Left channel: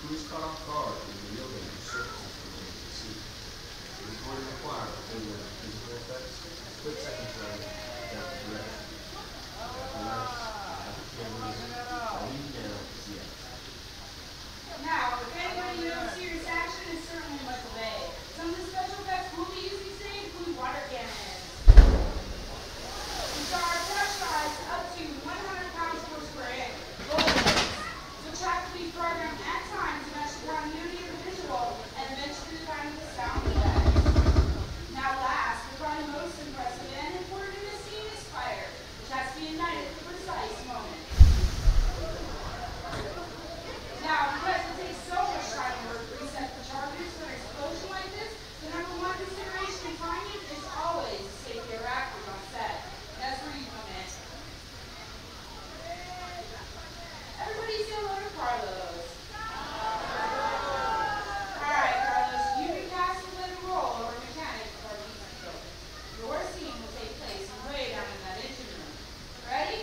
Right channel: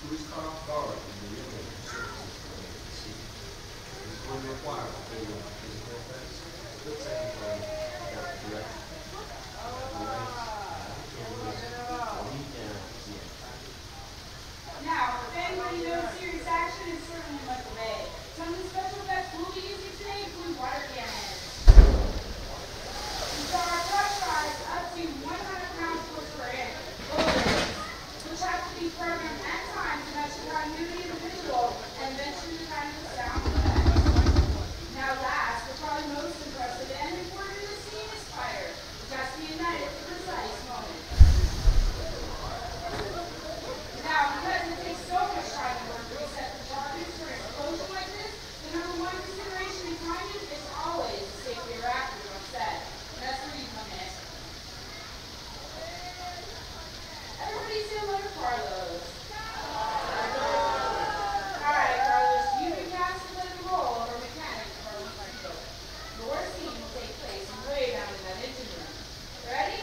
Crews caught off guard when the real danger surfaces from beneath the sea. This is going to require a failure of physical effects, split-second time, depth of direction. Have the lights, have the cameras, lead down as the action. Now, if anybody knows serious action, it's certainly Michael Bay. Some of the special effects we'll be using today include water cannons. These are pressurized up to 100 pounds force per air, which have to be programmed at times to match the continuity of the visual and eventually the time of the sound effect. Now last, but probably most impressive and important in this scene is fire, which has to be ignited at the precise moment. Now, because it takes so much time and work to reset the charges for an explosion like this, the number one consideration in timing is always the safety of actors on set. And that's where you come in. Everybody say hello to Carlos. Alright, Carlos, you can cast the role of a mechanic for a week. Your scene will take place way down in that engine room. Ready?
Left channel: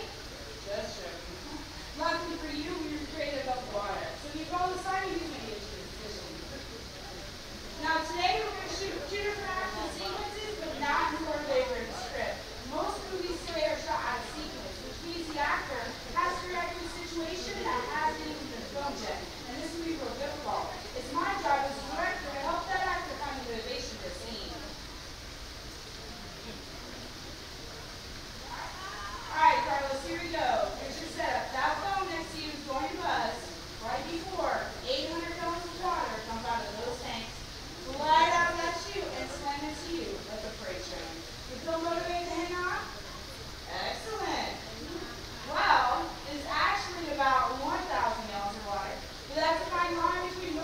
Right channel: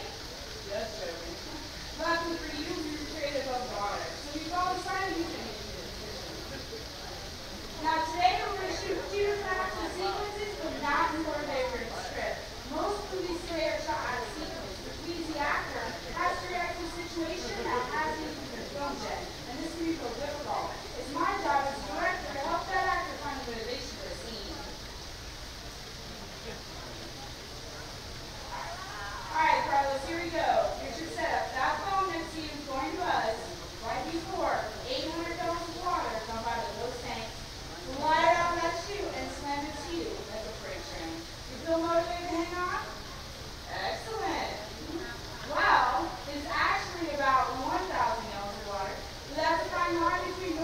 Just joking. Luckily for you, we were created above water, so if you follow the sign, you can get into the position. Now today we're going to shoot two different action sequences, but not in order they were in the script. Most movies today are shot out of sequence, which means the actor has to react to a situation that hasn't even been filmed yet, and this can be real difficult. It's my job as a director to help that actor find the motivation for the scene. Alright, Carlos, here we go. Here's your setup. That phone next to you is going to buzz right before 800 gallons of water comes out of those tanks. Glide out of that chute and slam it to you like a freight train. You feel motivated to hang on? Excellent. Well, it's actually about 1,000 gallons of water. But that's a fine line between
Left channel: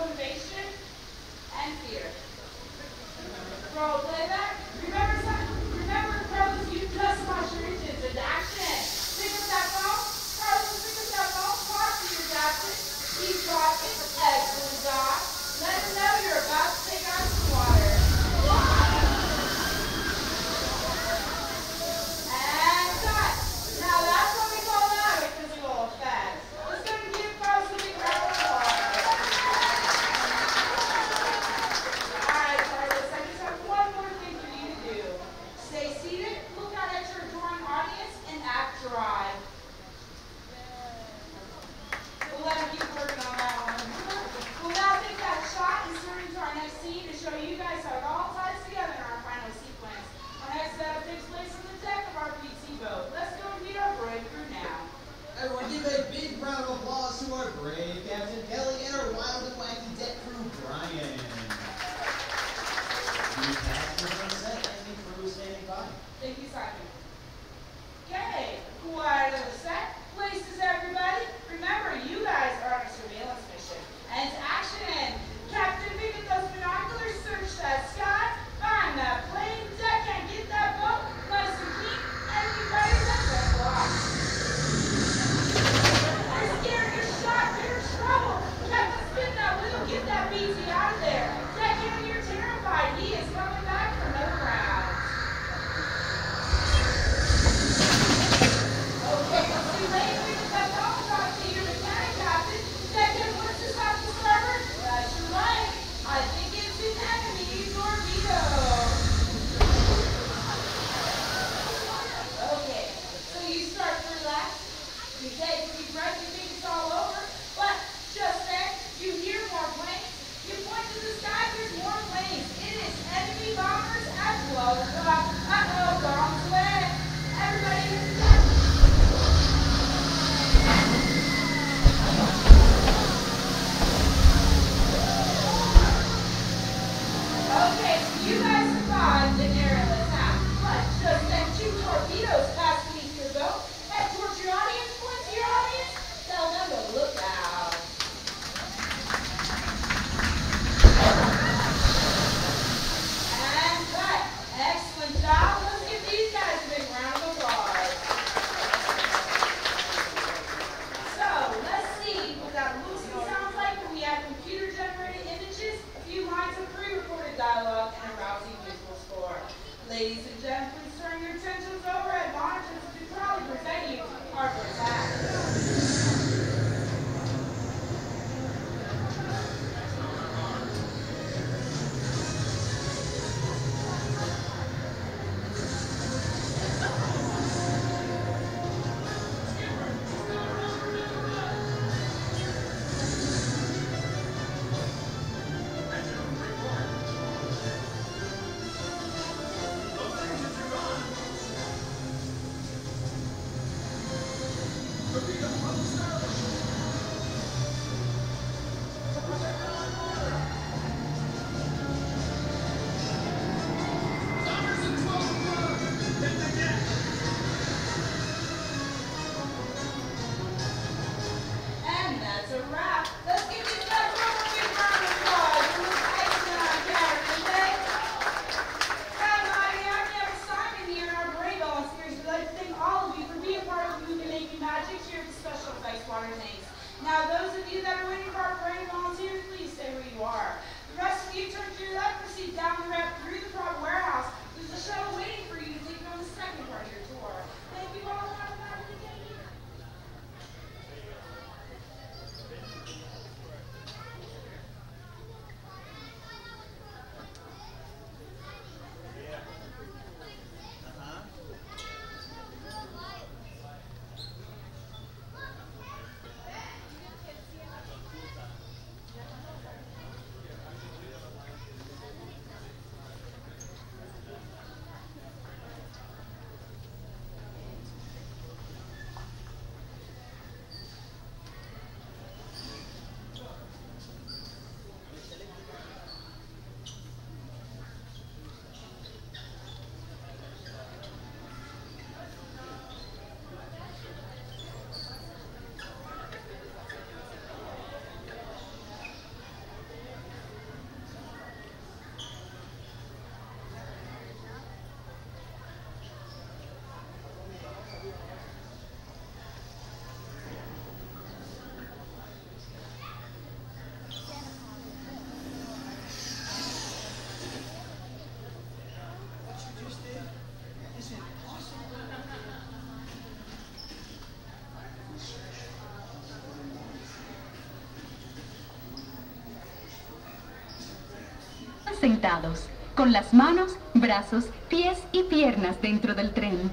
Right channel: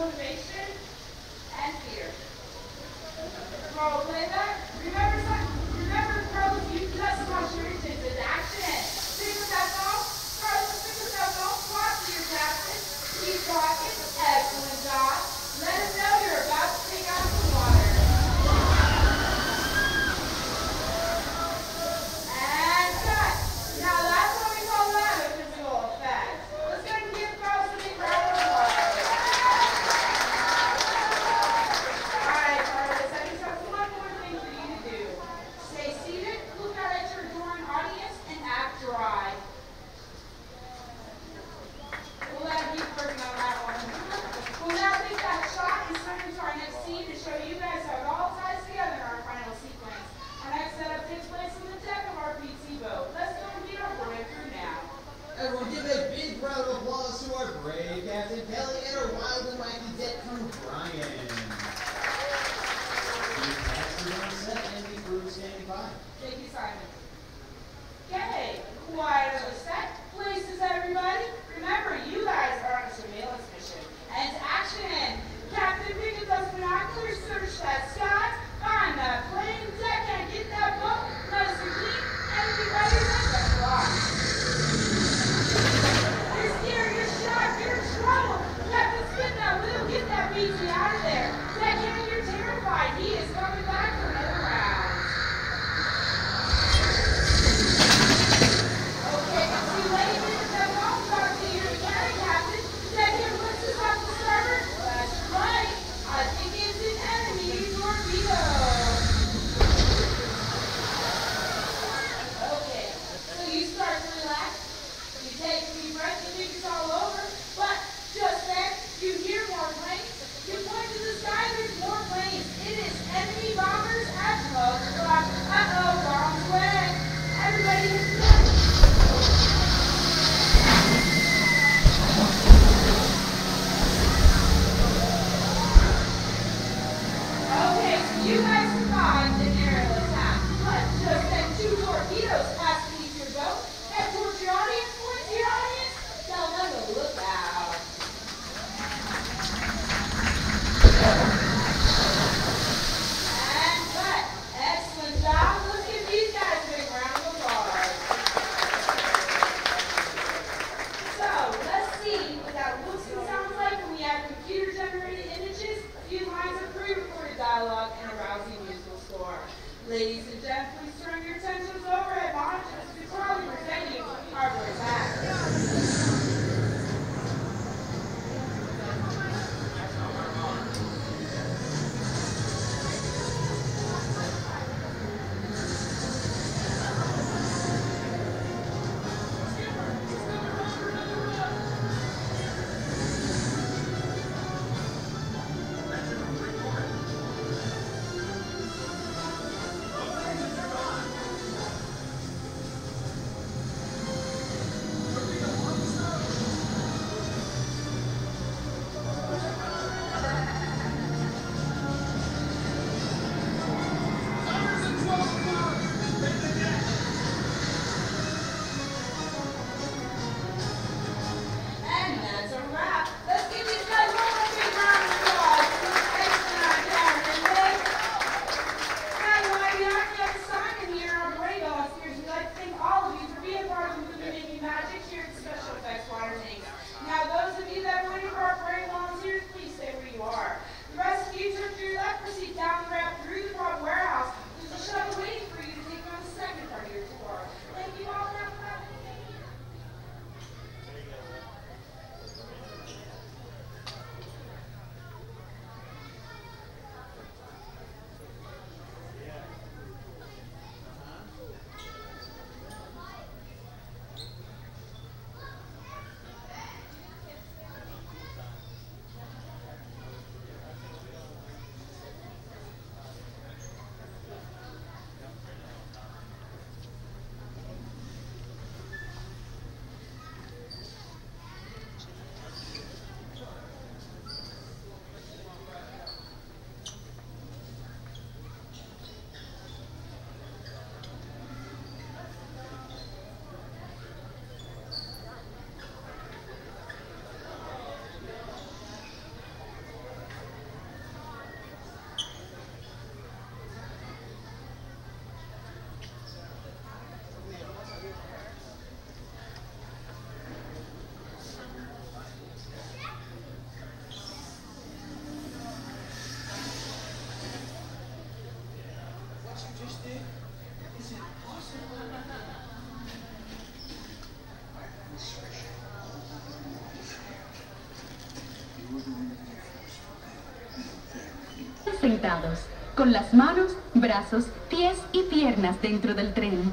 you that are waiting for our parade volunteers, please stay where you are. The rest of you turn to your left, proceed down the ramp through the front warehouse. There's a shuttle waiting for you to take on the second part of your tour. Thank you all for having me. Sentados, con las manos, brazos, pies y piernas dentro del tren.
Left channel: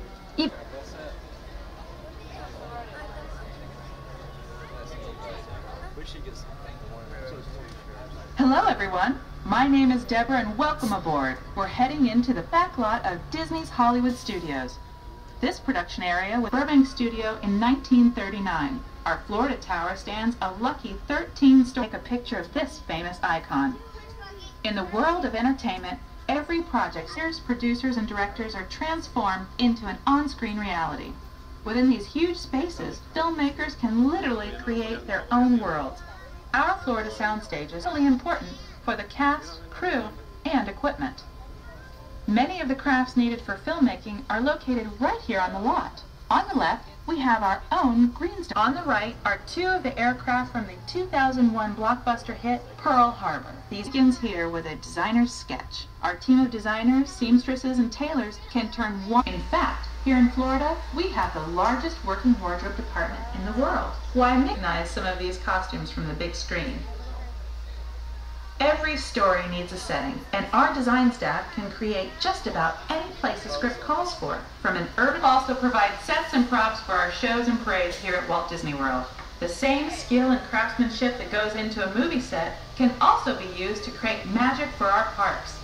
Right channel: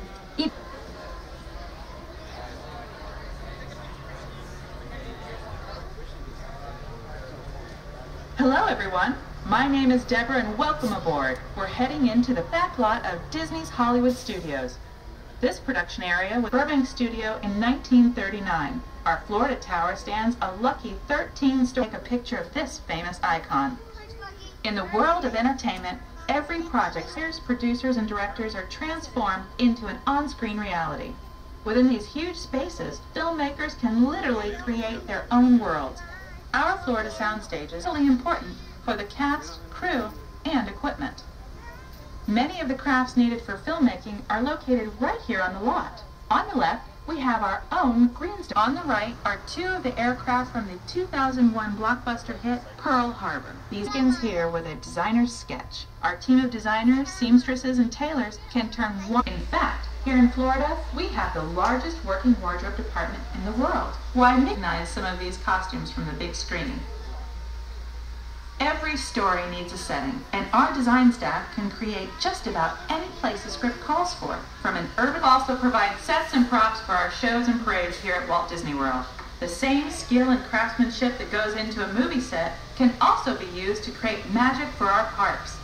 Hello everyone, my name is Deborah and welcome aboard. We're heading into the back lot of Disney's Hollywood Studios. This production area was Burbank Studio in 1939. Our Florida Tower stands a lucky 13-story. Take a picture of this famous icon. In the world of entertainment, every project, producers and directors are transformed into an on-screen reality. Within these huge spaces, filmmakers can literally create their own worlds. Our Florida soundstage is really important for the cast, crew, and equipment. Many of the crafts needed for filmmaking are located right here on the lot. On the left, we have our own green star. On the right are two of the aircraft from the 2001 blockbuster hit Pearl Harbor. These begins here with a designer's sketch. Our team of designers, seamstresses, and tailors can turn one. In fact, here in Florida, we have the largest working wardrobe department in the world. Why recognize some of these costumes from the big screen? Every story needs a setting, and our design staff can create just about any place a script calls for. From an urban, also provide sets and props for our shows and parades here at Walt Disney World. The same skill and craftsmanship that goes into a movie set can also be used to create magic for our parks.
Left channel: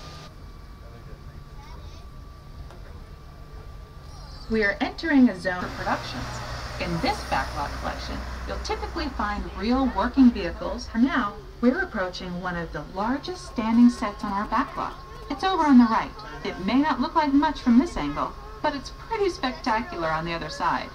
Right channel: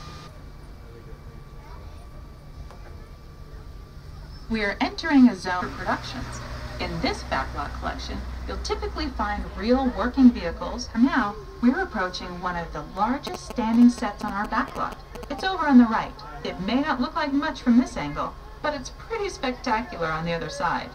We are entering a zone of productions. In this backlot collection, you'll typically find real working vehicles. For now, we're approaching one of the largest standing sets on our backlot. It's over on the right. It may not look like much from this angle, but it's pretty spectacular on the other side.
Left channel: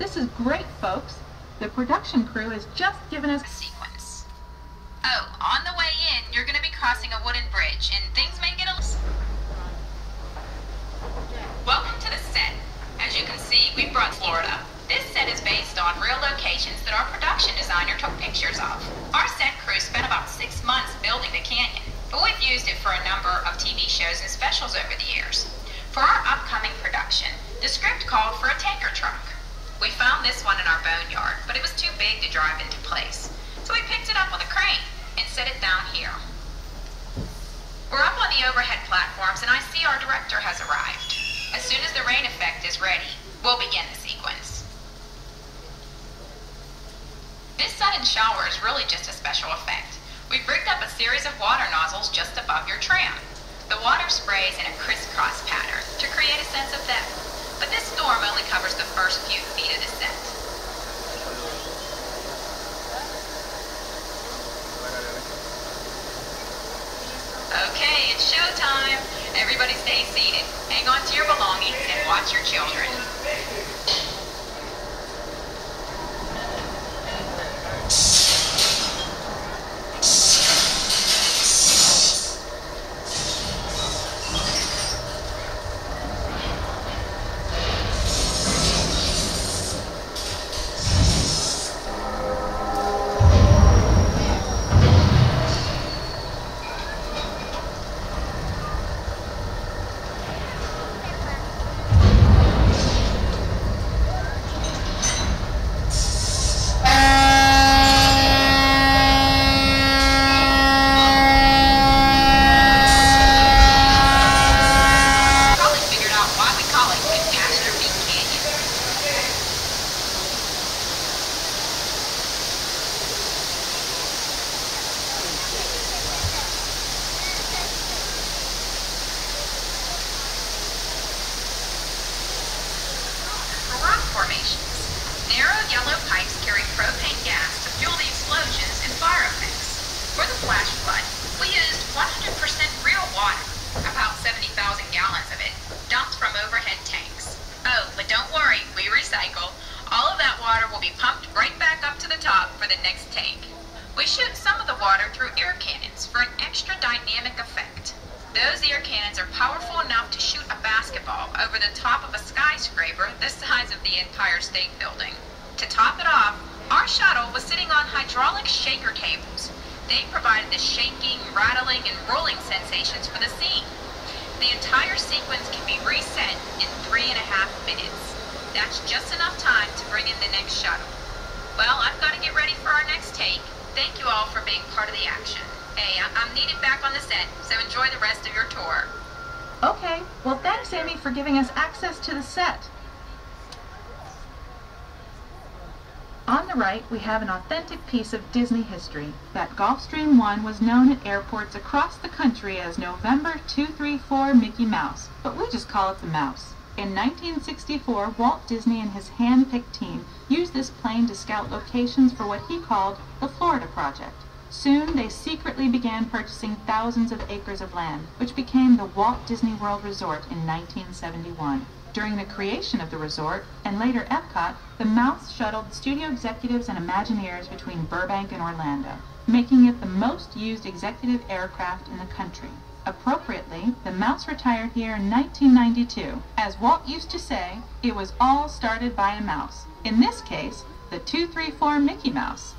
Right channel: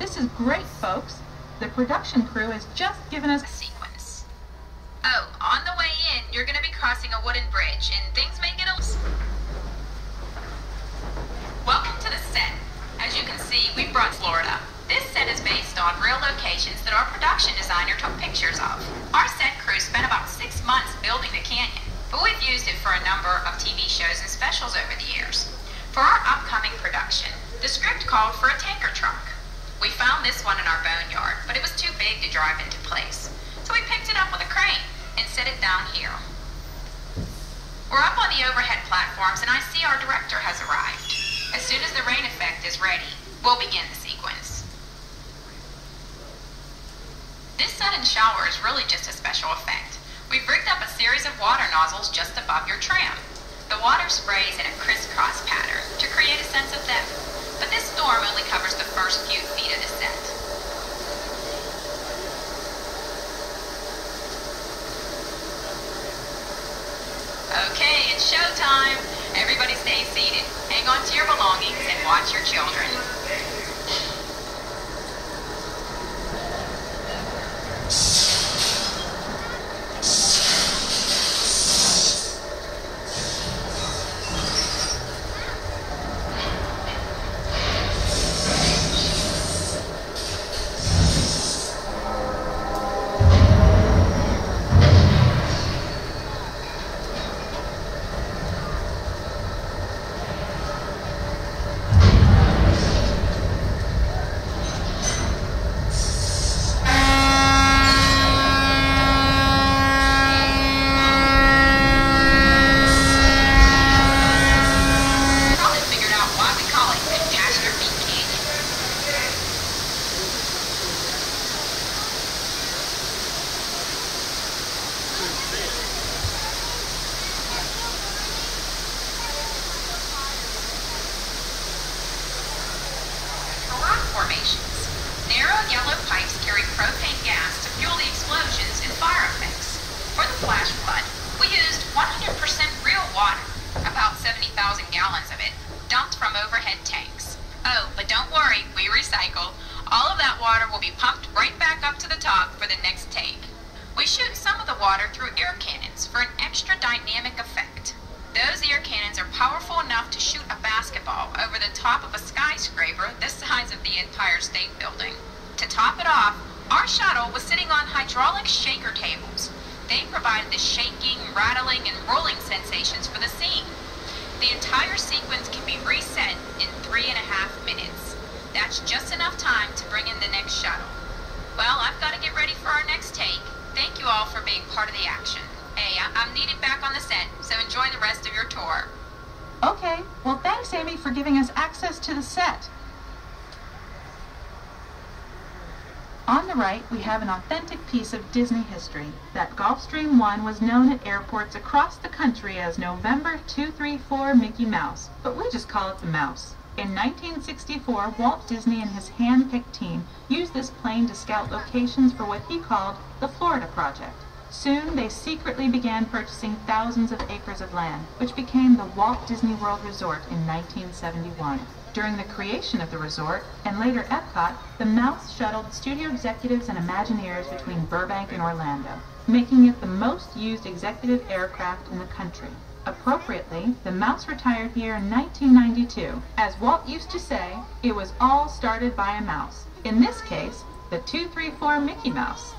This is great, folks. The production crew has just given us a sequence. Oh, on the way in, you're going to be crossing a wooden bridge, and things may get a little... Welcome to the set. As you can see, we brought Florida. This set is based on real locations that our production designer took pictures of. Our set crew spent about 6 months building the canyon, but we've used it for a number of TV shows and specials over the years. For our upcoming production, the script called for a tanker truck. We found this one in our boneyard, but it was too big to drive into place. So we picked it up with a crane and set it down here. We're up on the overhead platforms and I see our director has arrived. As soon as the rain effect is ready, we'll begin the sequence. This sudden shower is really just a special effect. We've rigged up a series of water nozzles just above your tram. The water sprays in a crisscross pattern to create a sense of depth. But this storm only covers the first few feet of the set. Okay, it's showtime. Everybody stay seated. Hang on to your belongings and watch your children. water through air cannons for an extra dynamic effect. Those air cannons are powerful enough to shoot a basketball over the top of a skyscraper the size of the Empire State Building. To top it off, our shuttle was sitting on hydraulic shaker tables. They provided the shaking, rattling, and rolling sensations for the scene. The entire sequence can be reset in 3.5 minutes. That's just enough time to bring in the next shuttle. Well, I've got to get ready for our next take. Thank you all for being part of the action. Hey, I'm needed back on the set, so enjoy the rest of your tour. Okay, well thanks Amy for giving us access to the set. On the right, we have an authentic piece of Disney history, that Gulfstream 1 was known at airports across the country as November 234 Mickey Mouse, but we just call it the Mouse. In 1964, Walt Disney and his hand-picked team used this plane to scout locations for what he called the Florida Project. Soon, they secretly began purchasing thousands of acres of land, which became the Walt Disney World Resort in 1971. During the creation of the resort, and later Epcot, the Mouse shuttled studio executives and Imagineers between Burbank and Orlando, making it the most used executive aircraft in the country. Appropriately, the Mouse retired here in 1992. As Walt used to say, it was all started by a mouse. In this case, the 234 Mickey Mouse.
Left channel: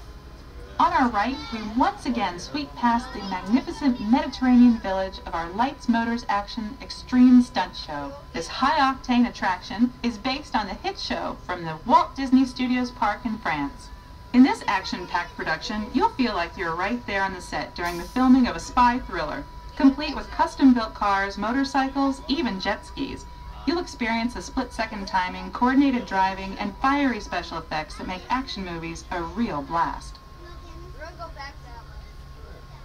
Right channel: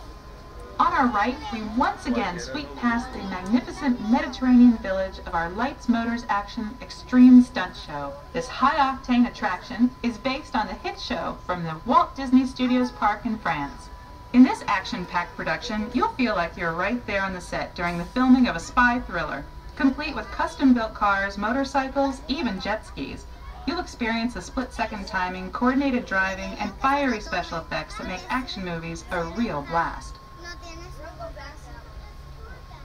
On our right, we once again sweep past the magnificent Mediterranean village of our Lights Motors Action Extreme Stunt Show. This high-octane attraction is based on the hit show from the Walt Disney Studios Park in France. In this action-packed production, you'll feel like you're right there on the set during the filming of a spy thriller, complete with custom-built cars, motorcycles, even jet skis. You'll experience the split-second timing, coordinated driving, and fiery special effects that make action movies a real blast.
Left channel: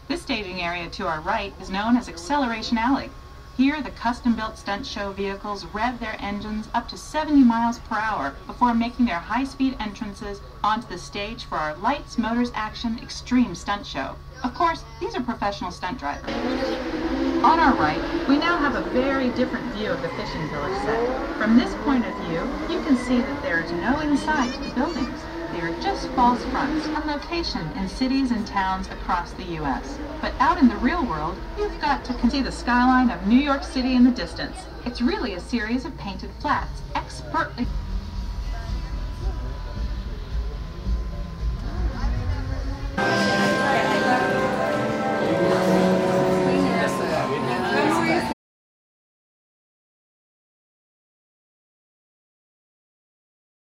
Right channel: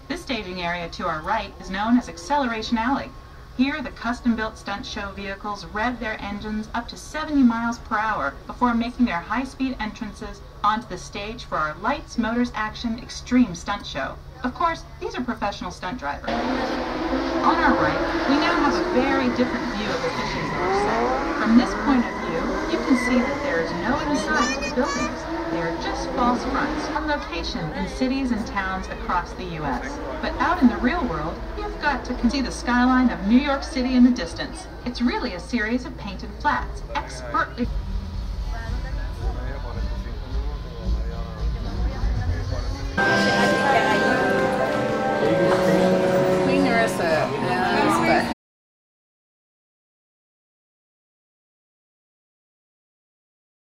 This staging area to our right is known as Acceleration Alley. Here, the custom-built stunt show vehicles rev their engines up to 70 miles per hour before making their high-speed entrances onto the stage for our Lights Motors Action Extreme Stunt Show. Of course, these are professional stunt drivers. On our right, we now have a very different view of the fishing village set. From this point of view, you can see that there is no inside to the buildings. They are just false fronts on location in cities and towns across the U.S. But out in the real world, you've got to see the skyline of New York City in the distance. It's really a series of painted flats, expertly